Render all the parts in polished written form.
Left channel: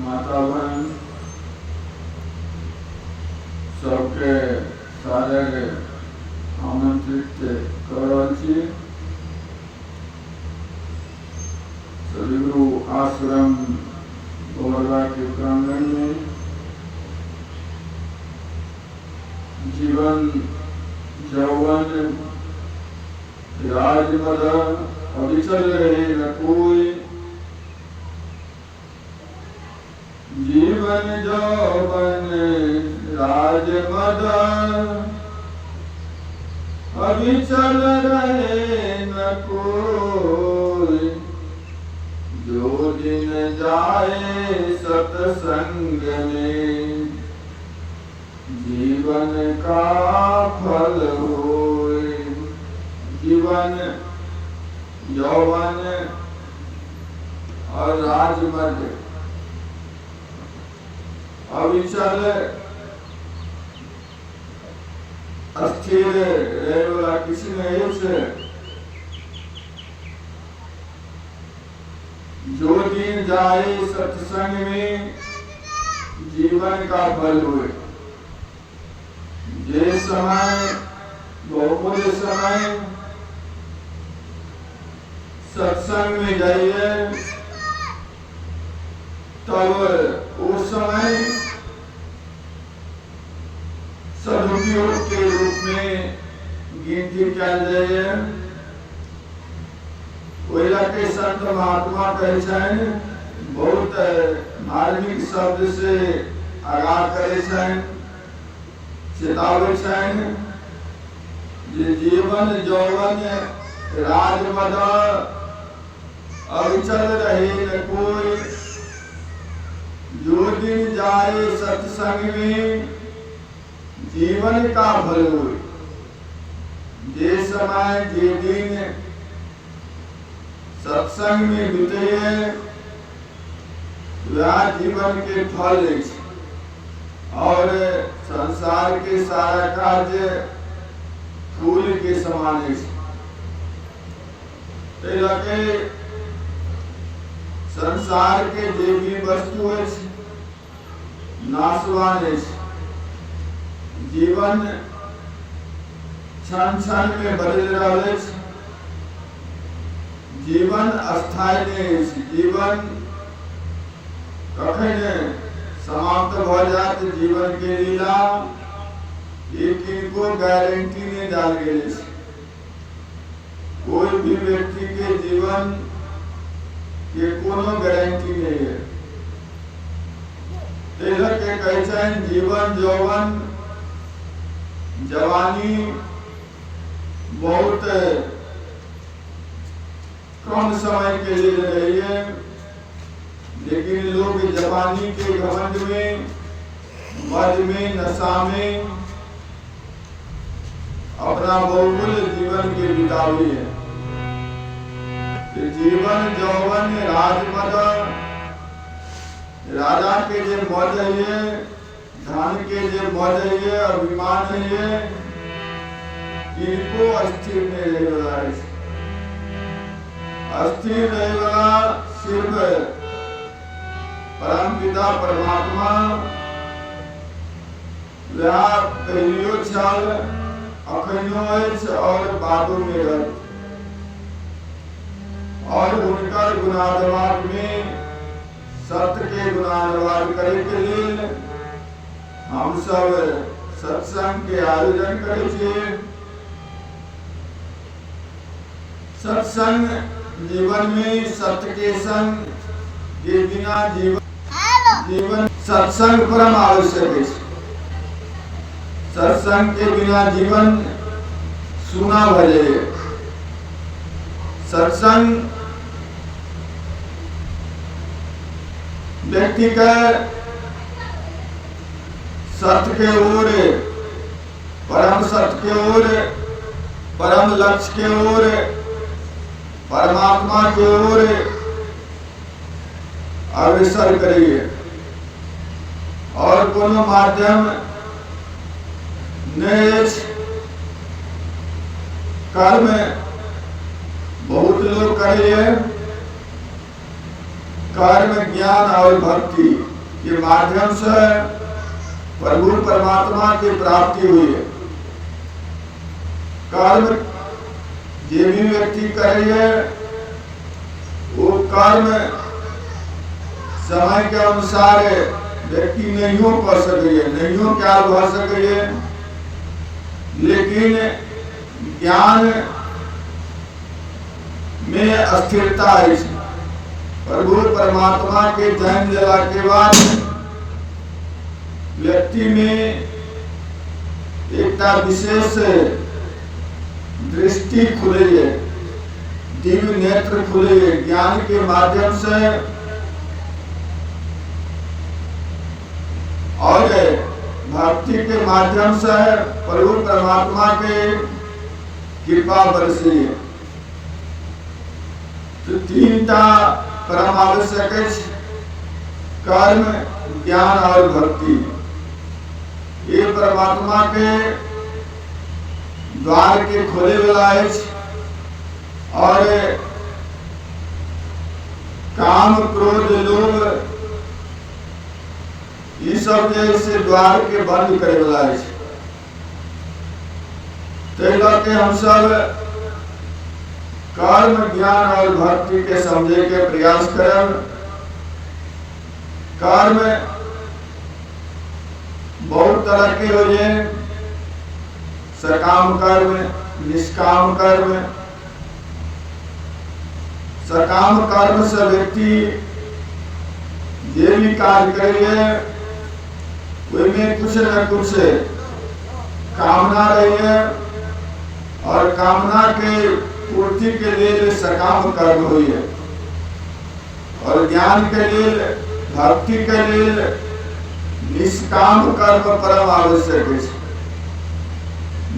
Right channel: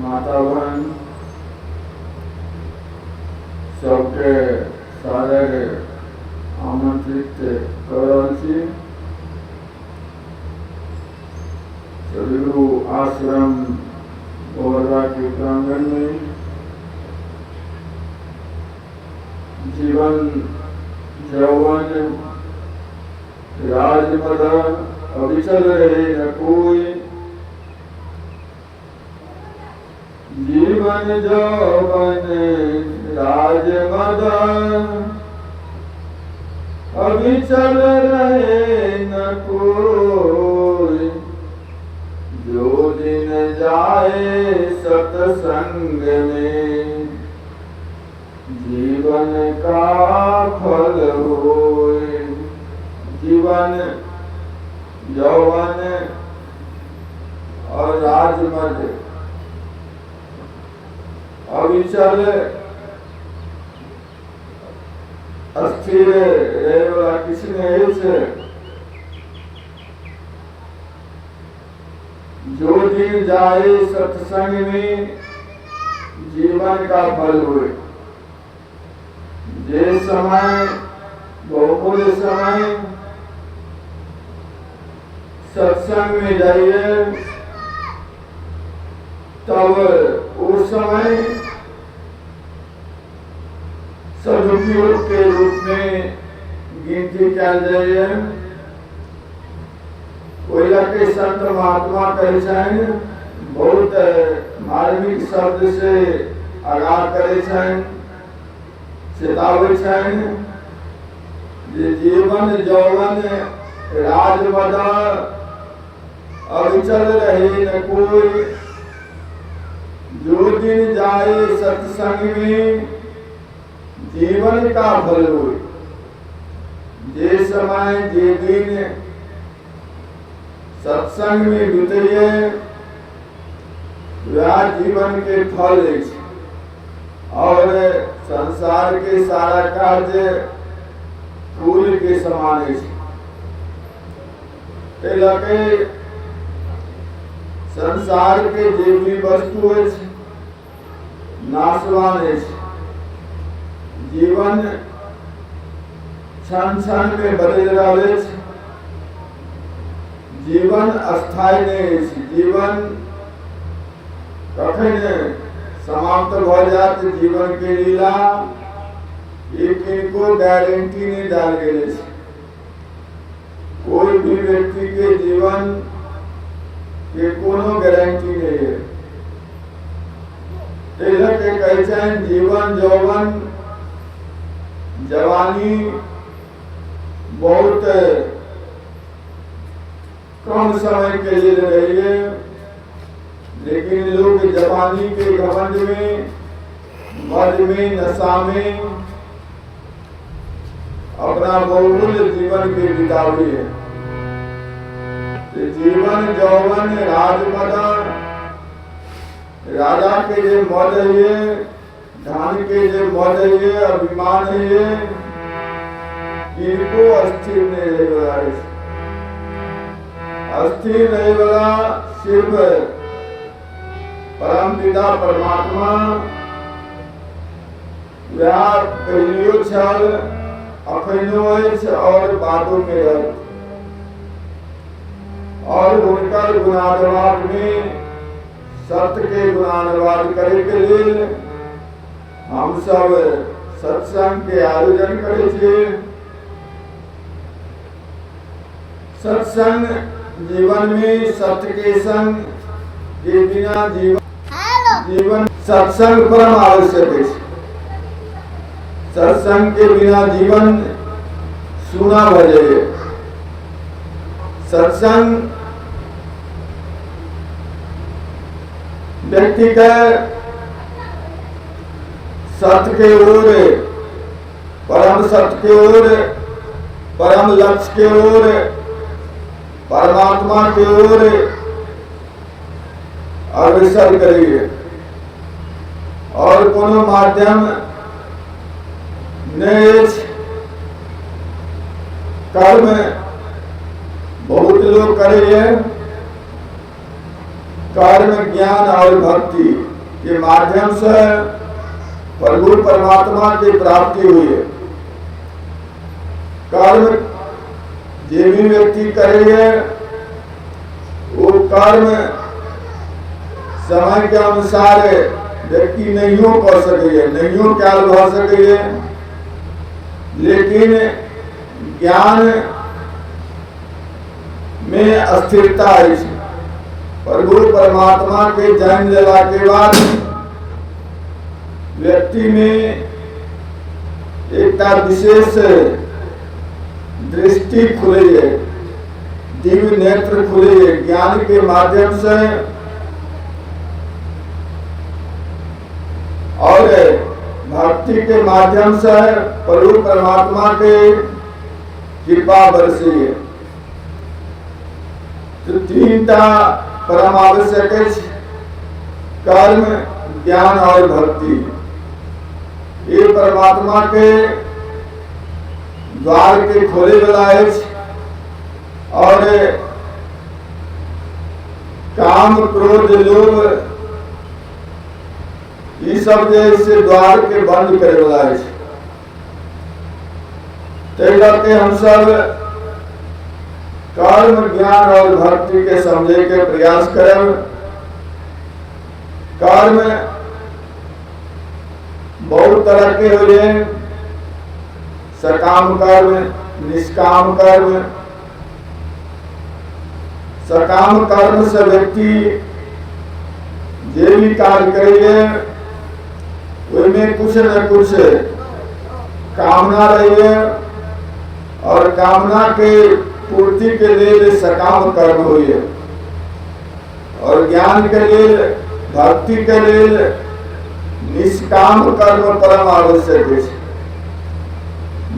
माता बहन सबके सारे आमंत्रित कर रहल छी। सदगुरु आश्रम बोहरा के प्रांगण में जीवन यौवन राजमद अविचल रहे न कोई। जीवन यौवन राजमद अविचल रहे न कोई। जो दिन जाए सत्संग में जीवन का फल होए। जीवन यौवन और राजमद अविचल अस्थिर रहे वाला किसी नहीं से। जो दिन जाए सत्संग में जीवन का फल हुए। जे समय बहुमूल्य समय सत्संग में जाइए तब उस समय सदुपयोग के रूप में गिनती क्या जाइए। कोयला के संत महात्मा करे छन बहुत मार्मिक शब्द से आगाह करे छन, चेतावे छन जे जीवन यौवन राजमद अविचल रहे न कोई। जो दिन जाए सत्संग में जीवन का फल होए। जे समय जे दिन सत्संग में बीते वह जीवन के फल है। और संसार के सारा कार्य फूल के समान है। के संसार के जे भी वस्तु है नाशवान है। जीवन क्षण क्षण में बदल रहे। जीवन अस्थायी नहीं। जीवन कखन समाप्त हो जाते जीवन के लीला एक इनको गारंटी नहीं डाल गए। कोई भी व्यक्ति के जीवन के कोनो गारंटी नहीं है। के कहते जीवन यौवन जवानी बहुत कम समय के लिए रही है। लेकिन लोग जवानी के घमंड में, मद में, नशा में अपना बहुमूल्य जीवन के बितावी है। तो जीवन यौवन राजमद राजा के जे मद है, धन के जे मद है, अभिमान है, इनको अस्थिर नहीं रहेगा। अस्थिर रहेगा सिर्फ परम पिता परमात्मा। वह पहलियो छल अखनो और बातों में रह। और उनका गुणानुवाद में सत्य के गुणानुवाद करे के लिए हम सब सत्संग के आयोजन करे छे। सत्संग जीवन में सत्य के संग के बिना जीवन सत्संग परम आवश्यक है। सत्संग के बिना जीवन सूना हो जाए। सत्संग व्यक्ति का सत्य के ओर, परम सत्य के ओर, परम लक्ष्य के ओर, परमात्मा की ओर अग्रसर करिए। और कोनो माध्यम नहीं। कर्म बहुत लोग करिए, कर्म ज्ञान और भक्ति के माध्यम से प्रभु परमात्मा की प्राप्ति हुई है। कर्म जो भी व्यक्ति करेंगे वो कर्म समय के अनुसार व्यक्ति नहीं कर सके, नहीं क्या भा सके, लेकिन ज्ञान में अस्थिरता है। प्रभु परमात्मा के जन्म लेवा के बाद व्यक्ति में एक विशेष दृष्टि खुली है, दिव्य नेत्र खुले है। ज्ञान के माध्यम से और भक्ति के माध्यम से प्रभु परमात्मा के कृपा बरसी है। तो तीनटा परम आवश्यक है, कर्म, ज्ञान और भक्ति। ये परमात्मा के द्वार के खोले वाला है। और काम, क्रोध, लोभ ये सब जैसे द्वार के बंद करे वाला है। करके हम सब कर्म, ज्ञान और भक्ति के समझे के प्रयास करें। कर्म बहुत तरह के हुए, सकाम कर्म, निष्काम कर्म। सकाम कर्म से व्यक्ति जो भी कार्य करेंगे उसमें कुछ न कुछ कामना रही है, और कामना के पूर्ति के लिए सकाम कर्म हुई है, और ज्ञान के लिए, भक्ति के लिए निष्काम कर्म परम आवश्यक है।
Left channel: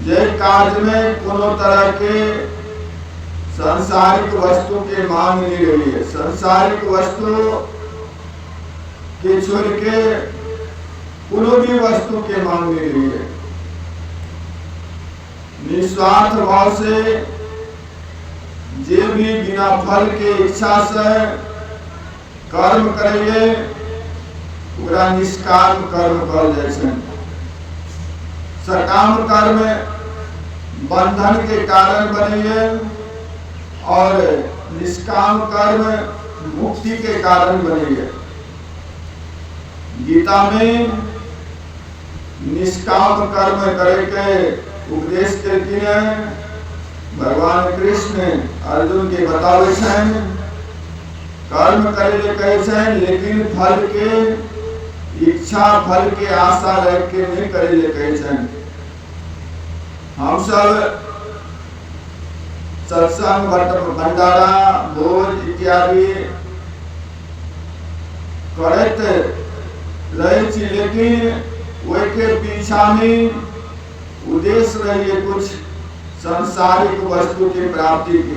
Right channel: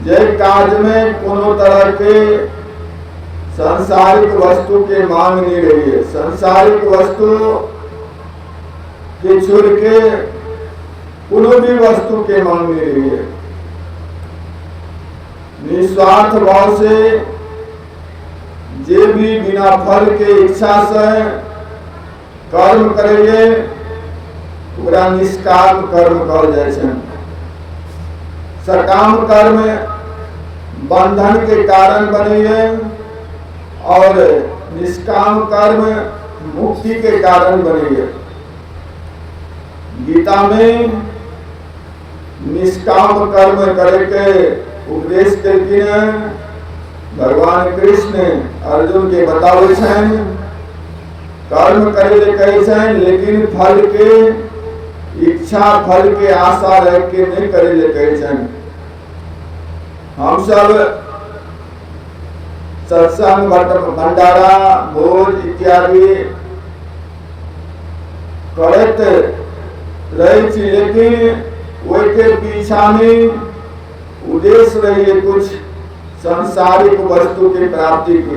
जय कार्य में कोनो तरह के सांसारिक वस्तु के मांग नहीं रही है। सांसारिक वस्तु के छोड़ के कोनो भी वस्तु के मांग नहीं रही है। निस्वार्थ भाव से जे भी बिना फल के इच्छा से कर्म करेंगे पूरा निष्काम कर्म कहल जाए छै। सकाम कर्म बंधन के कारण बनेंगे, और निष्काम कर्म मुक्ति के कारण बनेंगे। गीता में निष्काम कर्म करे के उपदेश देती है। भगवान कृष्ण अर्जुन के बतावे छन, कर्म करे ले कहे छन, लेकिन फल के इच्छा, फल के आशा रख के नहीं करे ले कहे छन। हम सब सत्संग, भंडारा, भोज इत्यादि करत रहे छी, लेकिन वही के पीछा में उद्देश्य रही कुछ सांसारिक वस्तु की प्राप्ति के।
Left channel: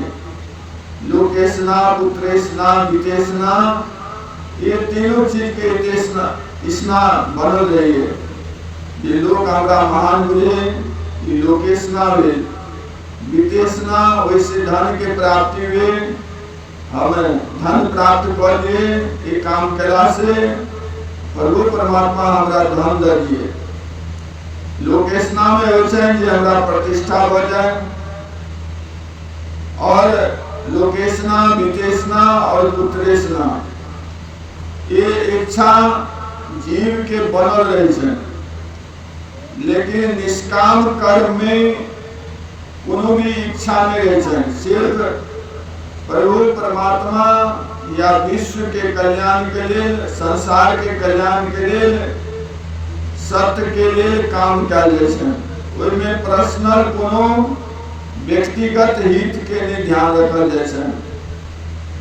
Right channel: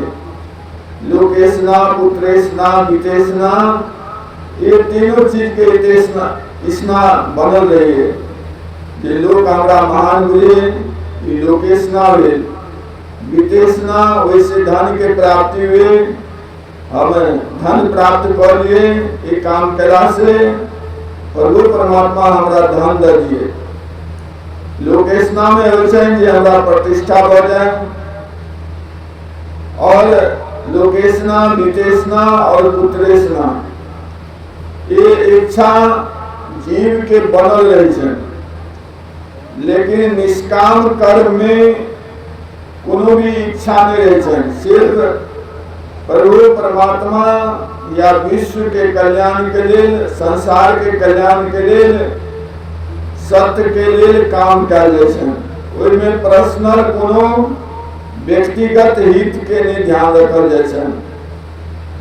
लोकेशना, पुत्रेशना, विदेशना, ये तीनों चीज के इतना बनल रही है। ये लोग हमारा महान हुए, ये लोकेशना हुए, विदेशना वैसे धन के प्राप्ति हुए, हम धन प्राप्त कर लिए। ये काम करा से प्रभु परमात्मा हमारा धन दे दिए। लोकेशना में हमारा प्रतिष्ठा हो जाए, और लोकेशना, विदेशना और पुत्रेशना ये इच्छा जीव के बनल रही है। लेकिन निष्काम कर्म में कोनो भी इच्छा नहीं रही है। सिर्फ प्रभु परमात्मा या विश्व के कल्याण के लिए, संसार के कल्याण के लिए, सत्य के लिए काम कल जाए। में पर्सनल कोनो व्यक्तिगत हित के लिए ध्यान रखल जाए।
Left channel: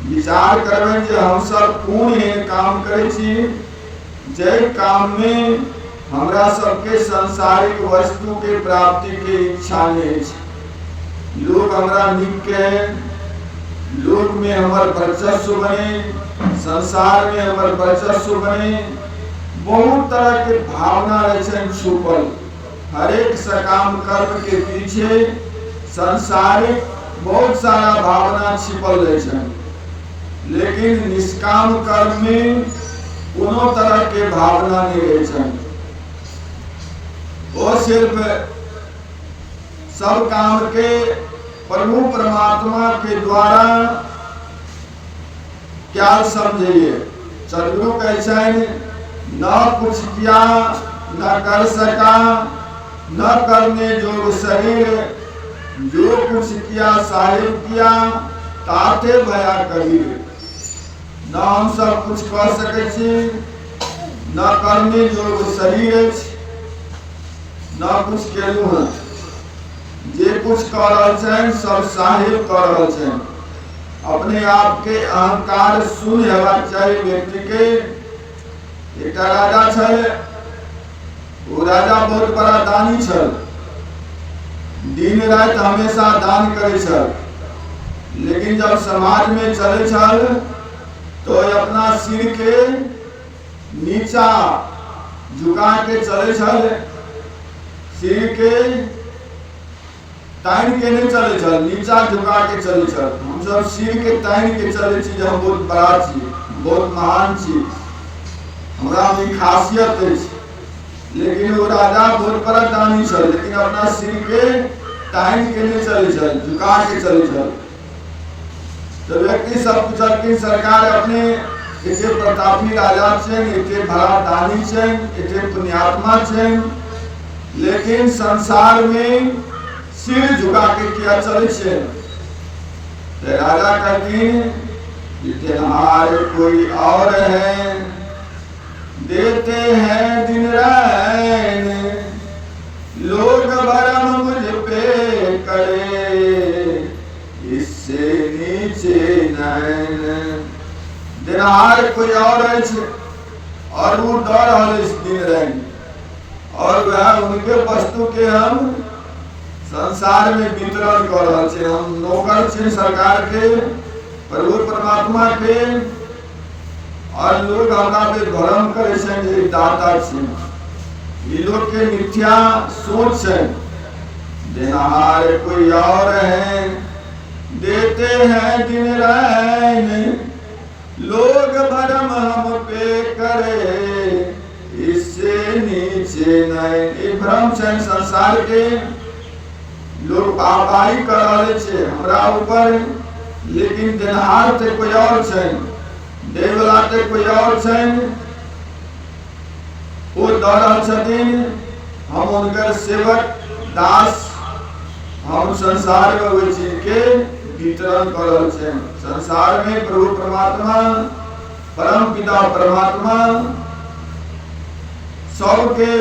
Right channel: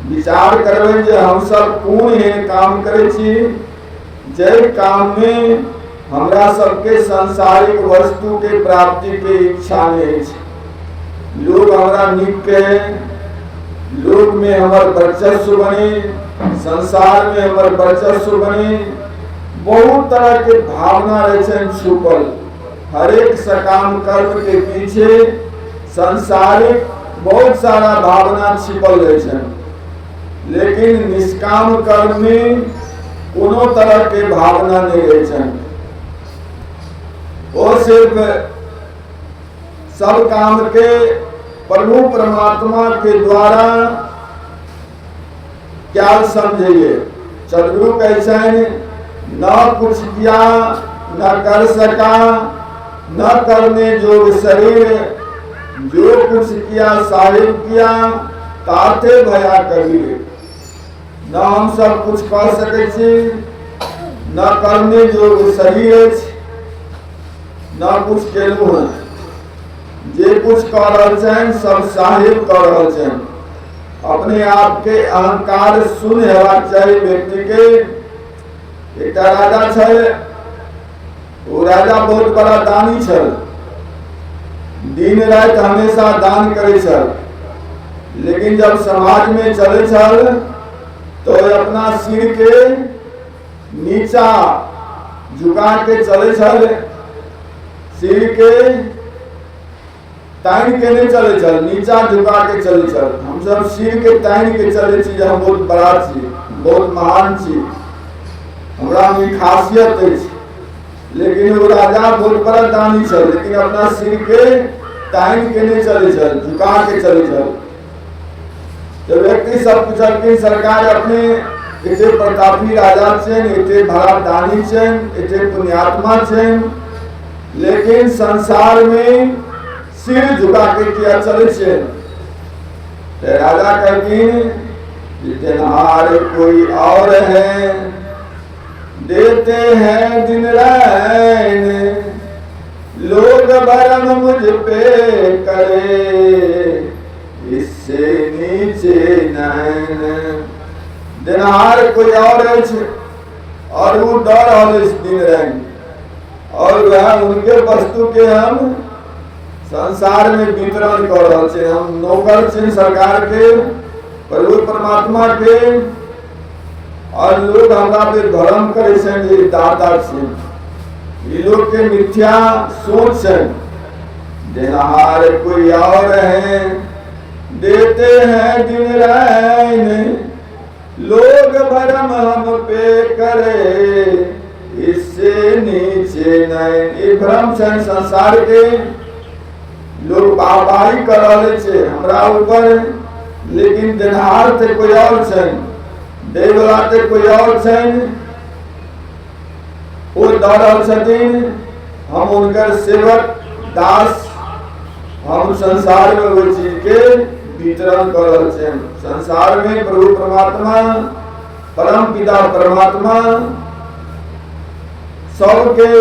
विचार करबे जे हम सब कोन एहन काम करे छी जय काम में हमरा सबके सांसारिक वस्तु के प्राप्ति के इच्छा नहीं है। लोग हमरा निक के, लोग में हमार वर्चस्व बने, संसार में हमार वर्चस्व बने, बहुत तरह के भावना रहे छुपल। हर एक सकाम कर्म के पीछे संसारिक बहुत सारा भावना छिपल रहे। लेकिन निष्काम कर्म में कोनो तरह के भावना नहीं रही छन। वो सिर्फ सब काम के प्रभु परमात्मा के द्वारा क्या समझिए। सदगुरु कैसे न कुछ किया न कर सका, न करने जोग शरीर, जो कुछ किया साहिब किया ताते भया कबीर। न हम सब कुछ कर सके छी, न करने जोग शरीर, न कुछ केलू है। जे कुछ कर रहल छन सब साहिब कर रहल छन। अपने आप के अहंकार शून्य हेबाक चाहिए व्यक्ति के। एक राजा छल, वो राजा बहुत बड़ा दानी छल, दिन रात हमेशा दान करे छल। लेकिन जब समाज में चले छल तो अपना सिर के नीचा झुका के चले छल, सिर के ताइन के नहीं चले छल, नीचा झुका के चले छल। हम सब सिर के ताइन के चले छी, हम बहुत बड़ा छी, बहुत महान छी, हमरा में खासियत है। लेकिन वो राजा बहुत बड़ा दानी छल, लेकिन अपना सिर के ताइन के नहीं चले छल, झुका के चले छल। तो व्यक्ति सब पूछल कि सरकार अपने एते प्रतापी राजा छन, एते बड़ा दानी छन, एते पुण्यात्मा छन, लेकिन संसार में सिर झुका के किया चले छे। तो राजा कहतीन देनहार कोई और है, देते हैं दिन रैन, लोग भरम मुझ पे करे, इससे नीचे नैन। देनहार कोई और है और वो डर हो दिन रैन, और वह उनके वस्तु के हम संसार में वितरण कर रहे छे। हम नौकर छे सरकार के, प्रभु परमात्मा के, और लोग हमरा पे भ्रम करे छन जे दाता छे। ये लोग के मिथ्या सोच छन। देनहार कोई और है, देते हैं दिन रैन, लोग भरम हम पे करे, इससे नीचे नहीं। ये भ्रम छन संसार के, लोग बाबाई कर रहे छे हमरा ऊपर, लेकिन देनहार ते कोई और छन, देवला ते कोई और छन। वो डरल छथिन, हम उनकर सेवक दास, हम संसार में वही चीज के वितरण कर रहे छन। संसार में प्रभु परमात्मा, परम पिता परमात्मा सबके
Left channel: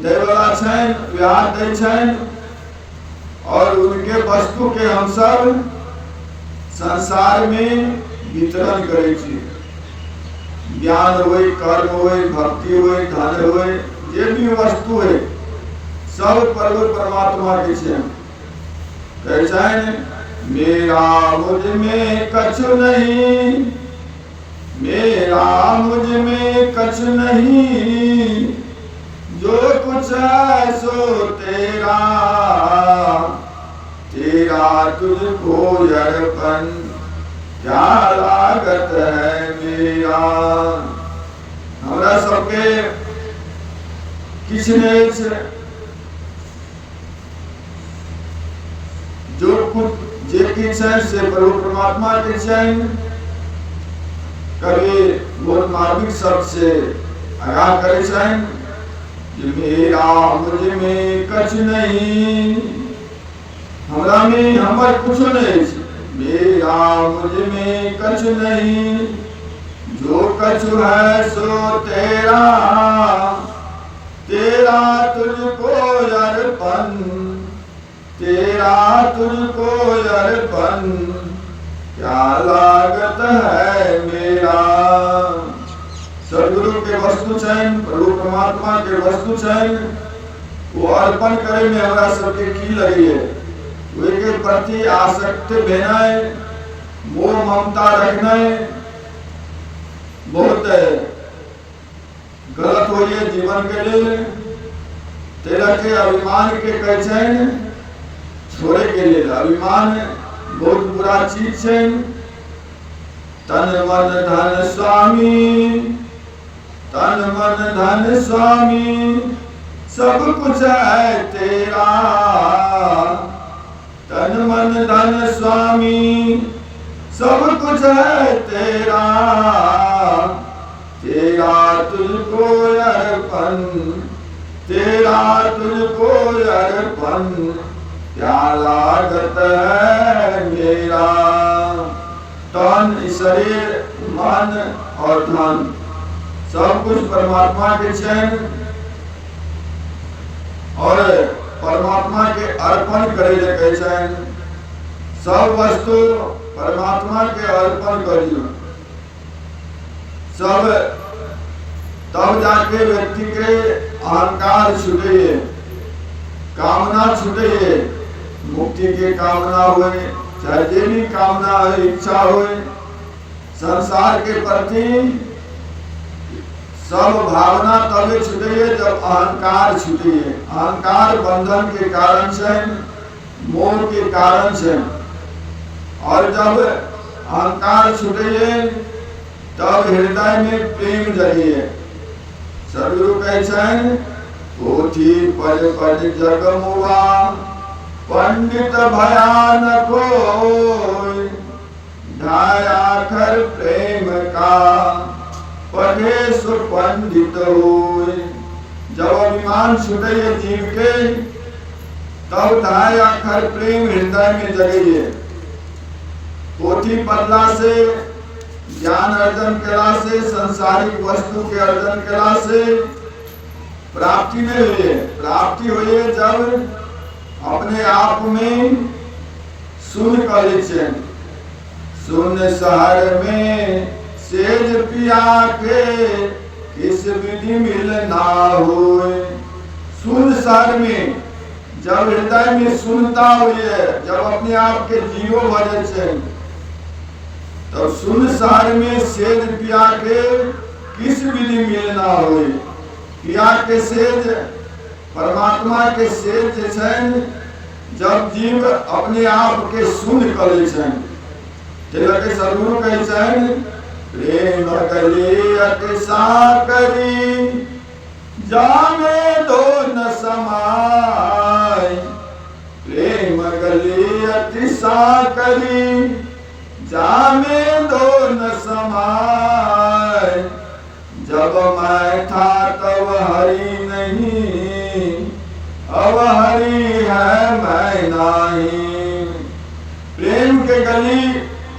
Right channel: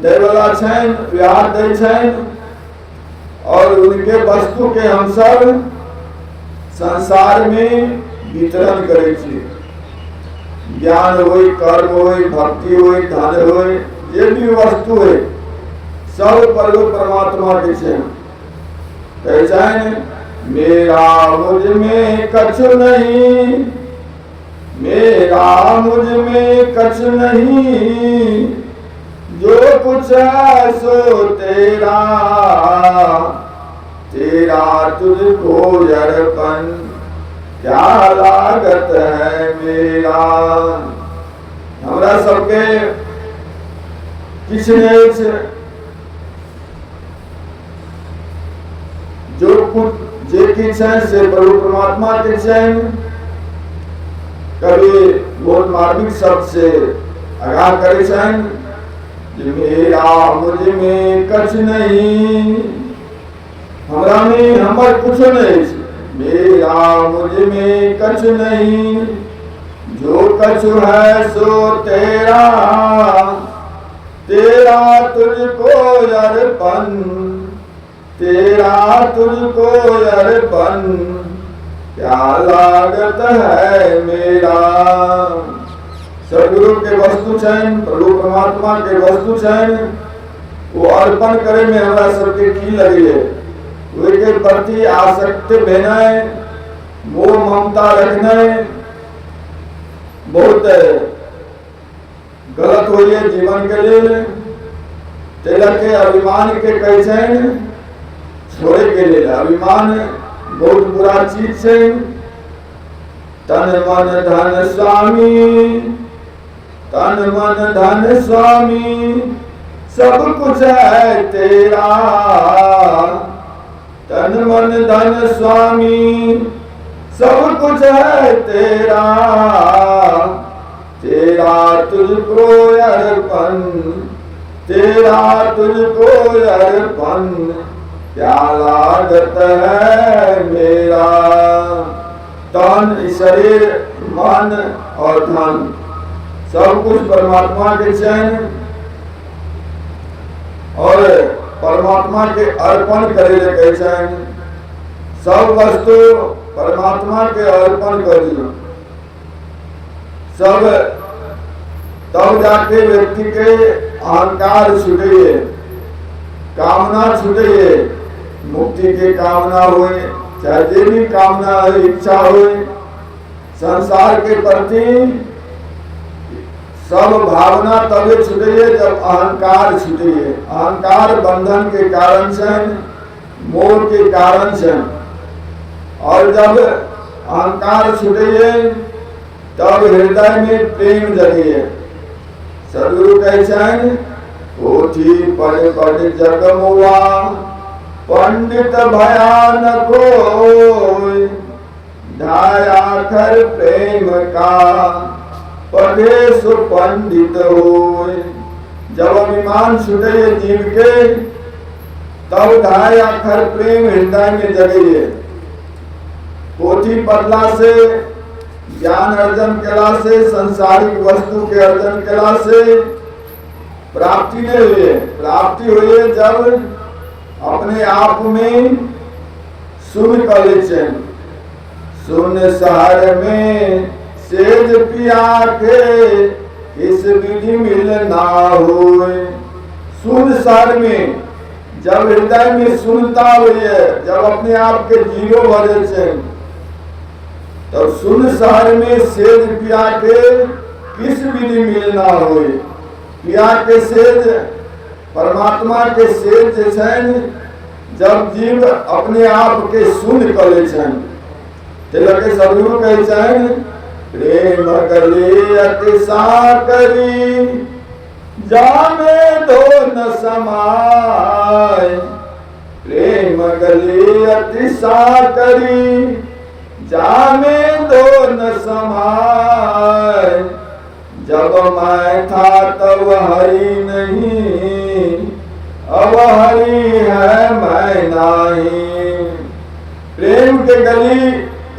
देवला छन, व्याह दे छन, और उनके वस्तु के हम सब संसार में वितरण करे छी। ज्ञान होई, कर्म होई, भक्ति होई, धन होई, जे भी वस्तु है सब प्रभु परमात्मा के छे। कहते मेरा मुझ में कछु नहीं, मेरा मुझ में कछु नहीं, जो कुछ है सो तेरा, तेरा तुझको अर्पण, क्या लागत है मेरा। हमरा सबके किछ नहीं छे, जो कुछ जे किछ है से प्रभु परमात्मा के छन। कभी बहुत मार्मिक शब्द से आगाह करे छन, मेरा मुझ में कछ नहीं, हमरा में हमर कुछ नहीं, मेरा मुझ में कछ नहीं, जो कछु है सो तेरा, तेरा तुझको अर्पण, तेरा तुझको अर्पण, क्या लागत है मेरा। सदगुरु के वस्तु छन, प्रभु परमात्मा के वस्तु छन, वो अर्पण करे में हमरा सबके की लगी है। वे के प्रति आसक्त भेनाय, मोह ममता रखनाय बहुत गलत हो गए जीवन के लिए। तेरा के अभिमान के कैसे छोड़े के लिए, अभिमान बहुत बुरा चीज है। तन मन धन स्वामी तन मन धन स्वामी सब कुछ है तेरा, तन मन धन स्वामी सब कुछ है तेरा, तेरा तुझको अर्पण, तेरा तुझको अर्पण, क्या लागत है मेरा। तन शरीर मन और धन सब कुछ परमात्मा के चैन और परमात्मा के अर्पण करे के चैन, सब वस्तु परमात्मा के अर्पण कर दो, सब तब जाके व्यक्ति के अहंकार छूटे, कामना छूटे, मुक्ति की कामना हुए, चाहे जो भी कामना इच्छा हुए, संसार के प्रति सब भावना तभी छूटे जब अहंकार छूटे। अहंकार बंधन के कारण से, मोह के कारण से, और जब अहंकार छूटे तब हृदय में प्रेम जगे। सदगुरु कैसे पोथी पढ़ पढ़ जग मुआ, पंडित भयान कोई, ढाया खर प्रेम का पढ़े सो पंडित होय। जब अभिमान छूटे जीव के तब ढाया खर प्रेम हृदय में जगे। पोथी पढ़ला से, ज्ञान अर्जन कला से, संसारिक वस्तु के अर्जन कला से प्राप्ति नहीं हुई। प्राप्ति हुई जब अपने आप में सुन कले, सुन शहर में सेज पिया के इस विधि मिल ना हुए। सुन शहर में जब हृदय में सुनता हुई है, जब अपने आप के जीरो भरे से, तो सुन शहर में सेज पिया के किस विधि मिल ना हुए। पिया के सेज परमात्मा के सेज जैसे जब जीव अपने आप के सुन कले के सदगुरु कैसे प्रेम कले अतिशा करी, जाने दो न समाय। प्रेम कले अतिशा करी, जाने दो न समाय। जब मैं था तब हरि नहीं, अब हरि है मैं नहीं। प्रेम के गली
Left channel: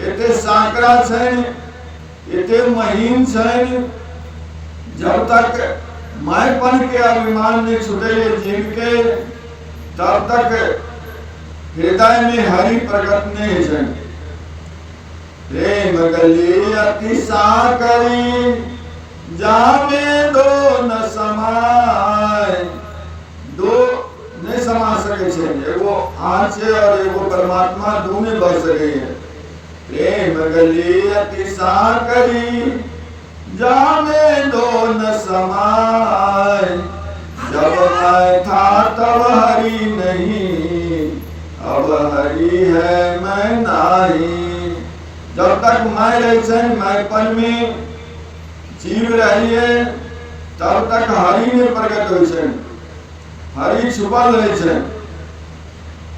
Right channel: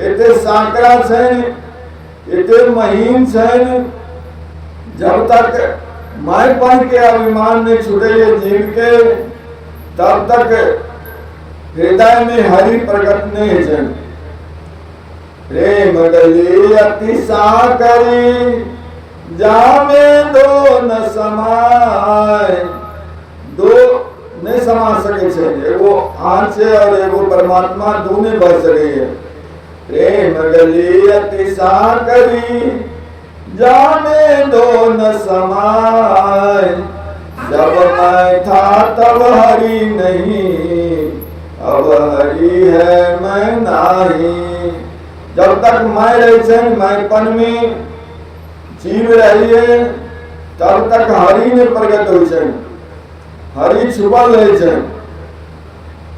इतने साकरा छे, इतने महीन छे, जब तक मैंपन के अभिमान में छूटे जीव के, तब तक हृदय में हरि प्रकट नहीं है। प्रेम गली अतिशा करी, जामे दो न समाय। दो नहीं समा सके छे, एगो आँच और एगो परमात्मा दोनों बढ़ सके। प्रेम गली अतिशा करी, जामे दो न समाय। जब मैं था तब हरि नहीं, अब हरि है मैं नहीं। जब तक मैं रहे, मैंपन में जीव रहिए, तब तक हरि में प्रकट हो, हरि छुपल रहे।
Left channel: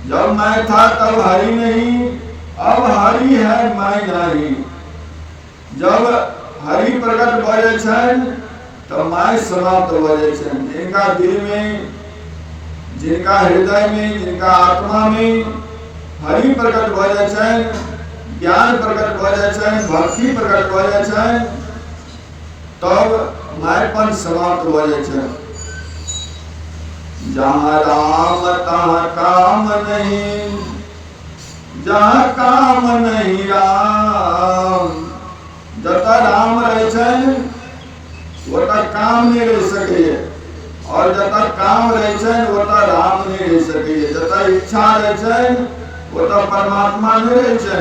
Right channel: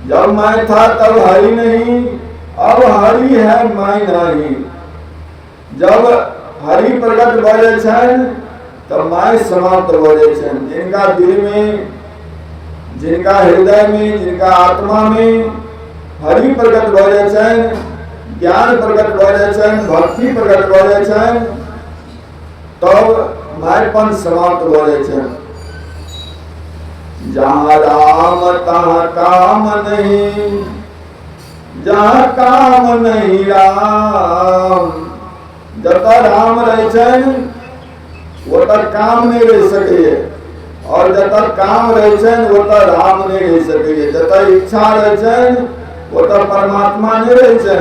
जब मैं था तब हरि नहीं, अब हरि है मैं नहीं। जब हरि प्रकट बजे तो मैं समाप्त हो जाए। जिनका दिल में, जिनका हृदय में, जिनका आत्मा में हरि प्रकट हो जाए, ज्ञान प्रकट हो जाए, भक्ति प्रकट हो जाए, तब मैंपन समाप्त हो जाए। जहाँ राम तहाँ काम नहीं, जहाँ काम नहीं राम। जता राम रहे वो तक काम नहीं रह सके, और जता काम रहे वो तक राम नहीं रह सके। जता इच्छा रहे वो तक परमात्मा नहीं रहे,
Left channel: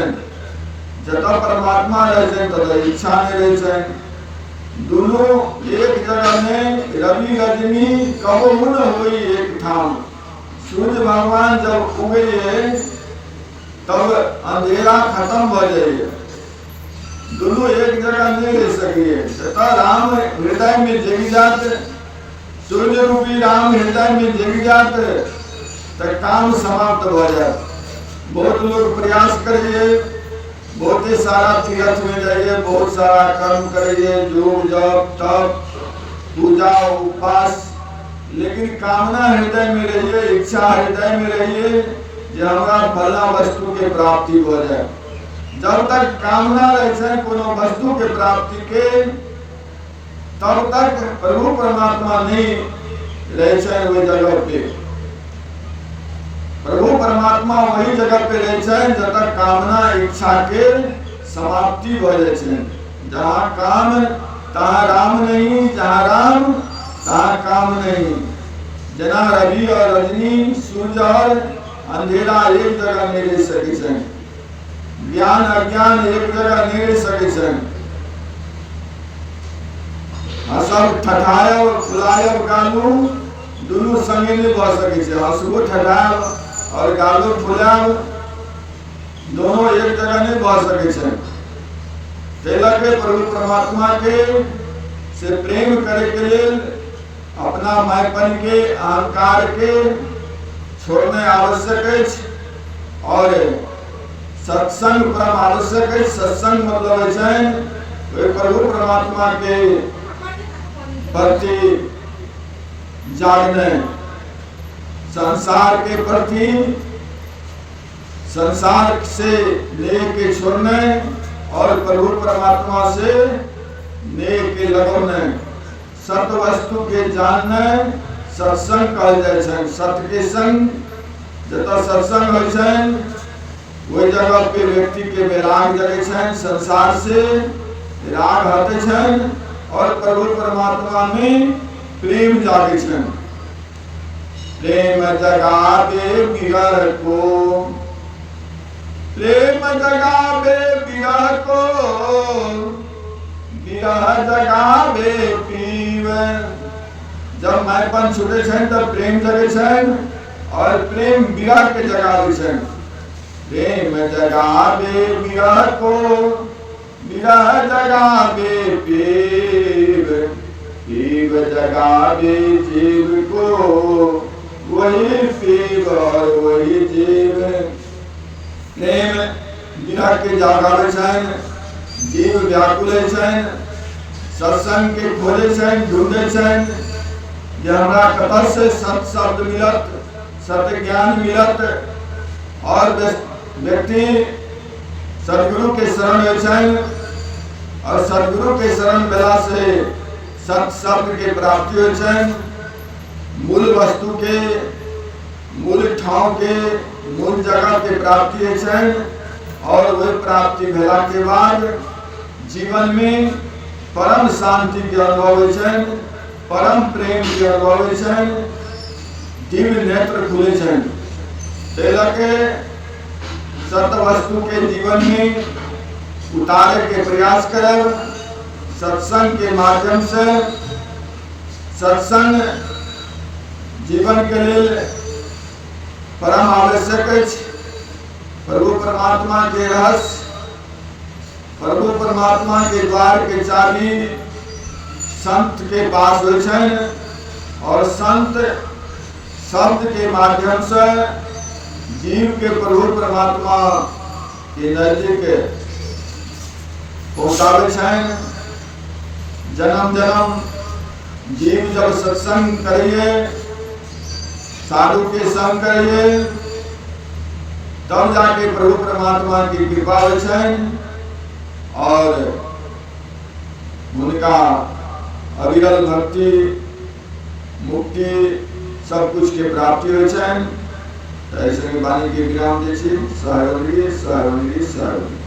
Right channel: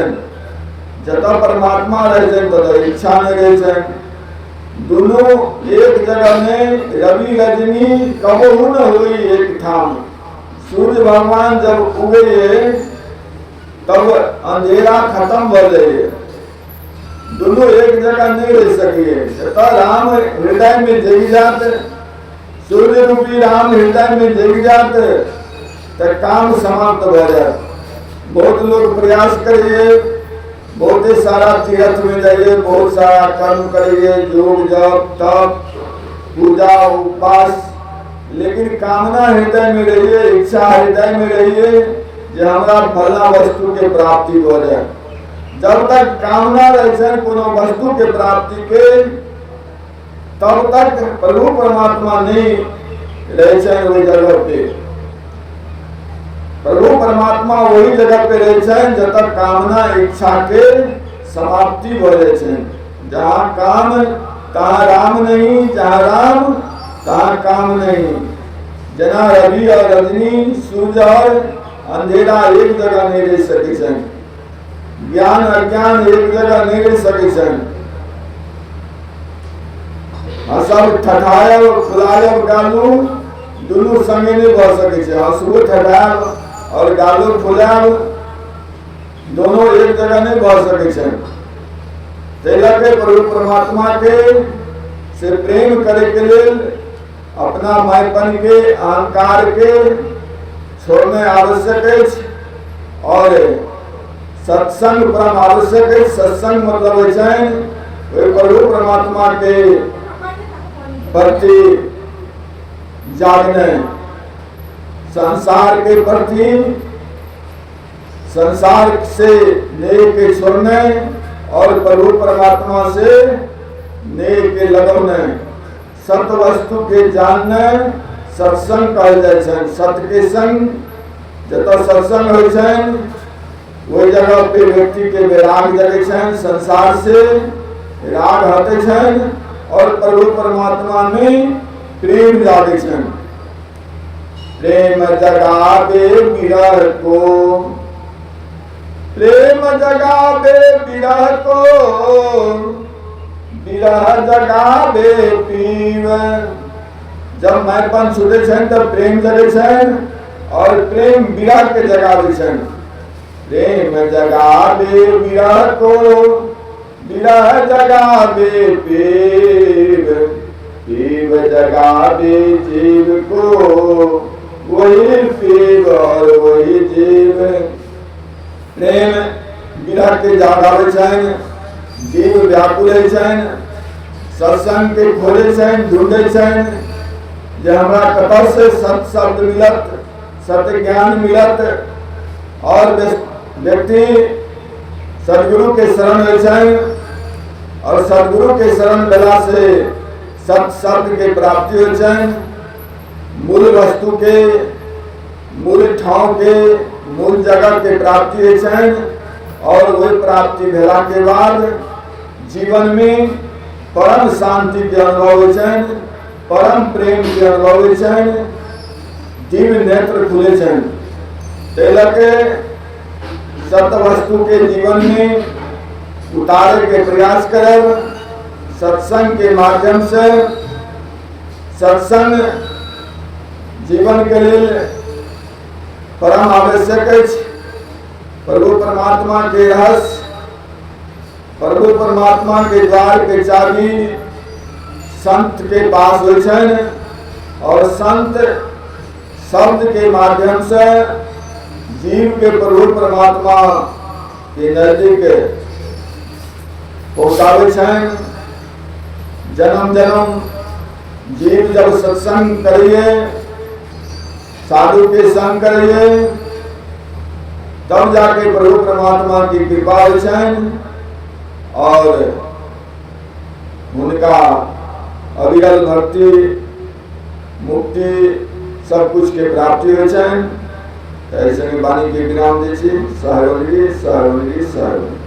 जता परमात्मा रहे तो इच्छा नहीं रहे। दोनों एक जगह में रवि रजनी कबहू न हुई एक ठाम। सूर्य भगवान जब उगे तब अंधेरा खत्म हो जाए, दोनों एक जगह नहीं रह सकिए। छता राम हृदय में जगी जात, सूर्य रूपी राम हृदय में जगी जात, तो काम समाप्त हो जात। बहुत लोग प्रयास करिए, बहुत सारा तीर्थ में जाइए, बहुत सारा कर्म करिए, योग जप तप पूजा उपवास, लेकिन कामना हृदय में रहिए, इच्छा हृदय में रहिए जो हमारा फलना वस्तु के प्राप्ति हो जाए। जब तक कामना रहे कोनो वस्तु के प्राप्ति के, तब तक प्रभु परमात्मा नहीं रहे वही जगह पे। प्रभु परमात्मा वही जगह पे रहे जब तक कामना इच्छा के समाप्ति हो जाए। जहाँ काम तहाँ राम नहीं, जहाँ राम तहाँ काम नहीं। जना रवि और रजनी, सूर्य और अंधेरा एक जगह नहीं रह सके। ज्ञान अज्ञान एक जगह नहीं रह सके। सब ठठायब फुलायब गालू दोनों संगे नहीं बढ़ सके। हंसबो ठठायब और गालू फुलायब दोनों एक जगह नहीं बढ़ सके। तेलक प्रभु परमात्मा के से प्रेम करे के लिए अपना मैपन के अहंकार के छोड़ने आवश्यक है और सत्संग परम आवश्यक है। सत्संग मतलब है प्रभु परमात्मा के प्रति जागने, संसार के प्रति, संसार से नेह के छोड़ने और प्रभु परमात्मा से नेह के लगने, सत्य वस्तु के जानने सत्संग कहल जाए। सत्य के संग जता सत्संग हो जाए वही जगह पे व्यक्ति के वैराग जगे, संसार से राग हटे और प्रभु परमात्मा में प्रेम जागे। प्रेम जगावे विरह को, प्रेम जगावे विरह को, विरह जगावे पीव। जब मैपन छूटे तब प्रेम जगे और प्रेम विरह के जगावे। प्रेम जगावे विरह को, विरह जगावे पीव, पीव जगावे जीव को, वही पीव और वही जीव। प्रेम विरह के जागावे जीव व्याकुल सत्संग के खोले ढूंढे जो हमारा कपट से सत शब्द मिलत, सत्य ज्ञान मिलत और व्यक्ति सदगुरु के शरण हो और सदगुरु के शरण कला से सत शब्द के प्राप्ति हो। मूल वस्तु के, मूल ठाव के, मूल जगह के प्राप्ति है और वही प्राप्ति भेला के बाद जीवन में परम शांति के अनुभव है, परम प्रेम के अनुभव है, दिव्य नेत्र खुले। तेलक सत्य वस्तु के जीवन में उतारे के प्रयास कर सत्संग के माध्यम से। सत्संग जीवन के लिए परम आवश्यक है। प्रभु परमात्मा के रहस्य, प्रभु परमात्मा के द्वार के चाबी संत के पास हो और संत शब्द के माध्यम से जीव के प्रभु परमात्मा के नजदीक पहुंचावे। जन्म जन्म जीव जब सत्संग करिए, साधु के संग करिए, तब जाके प्रभु परमात्मा की कृपा हो और उनका अविरल भक्ति मुक्ति सब कुछ के प्राप्ति हो। ऐसे में वाणी के विराम दीजिए। सहयोगी सहयोगी सहयोगी।